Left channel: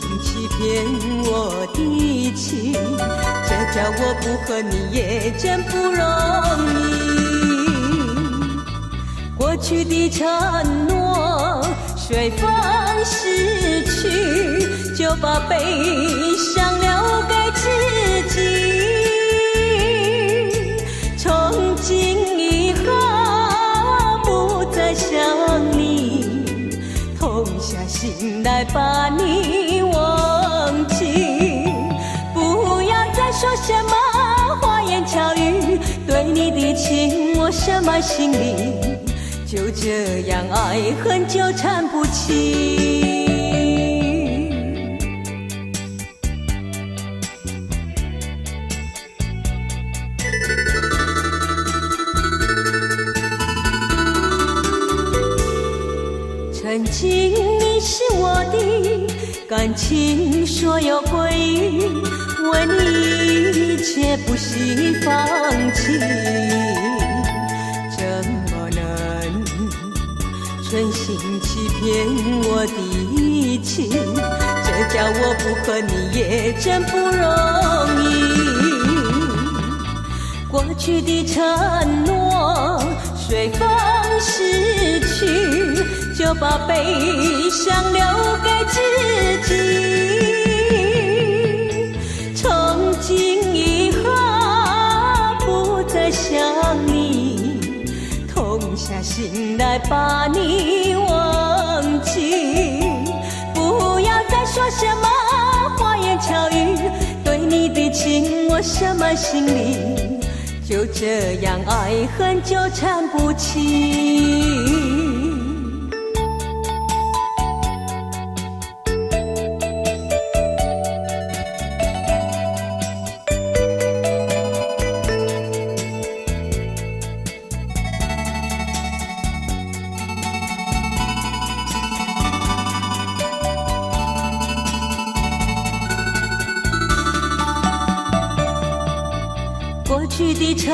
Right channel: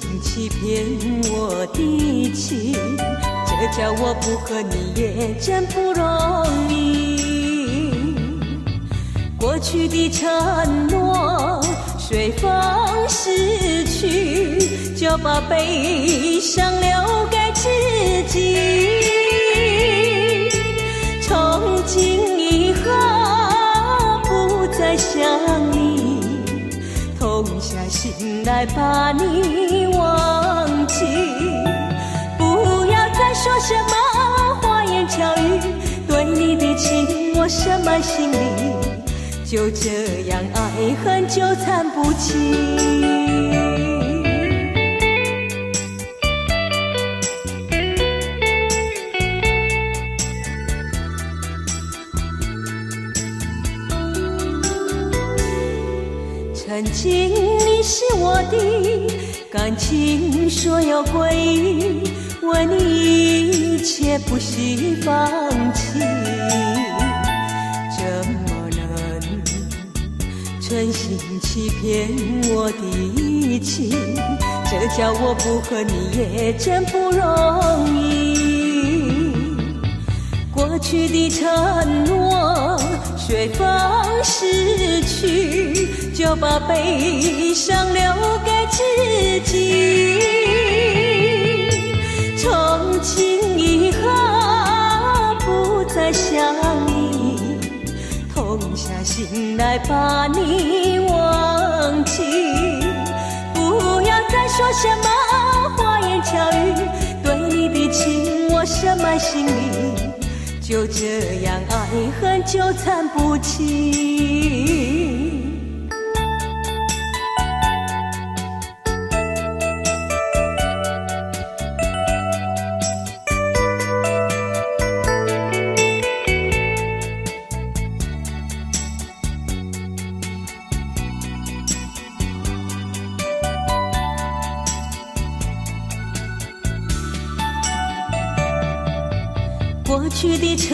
心欺骗我的情，这叫我不和你也真不容易。过去的承诺随风逝去，就把悲伤留给自己。从今以后不再想你，痛下心来把你忘记。不要再说什么花言巧语，对你的情我深埋心里，就这样爱恨纠缠不清。曾经你是我的感情所有归依，为你一切不惜放弃。怎么能存心欺骗我的情，这叫我不和你也真不容易。过去的承诺随风逝去，就把悲伤留给自己。从今以后不再想你，痛下心来把你忘记。不要再说什么花言巧语，对你的情我深埋心里，就这样爱恨纠缠不清。过去的承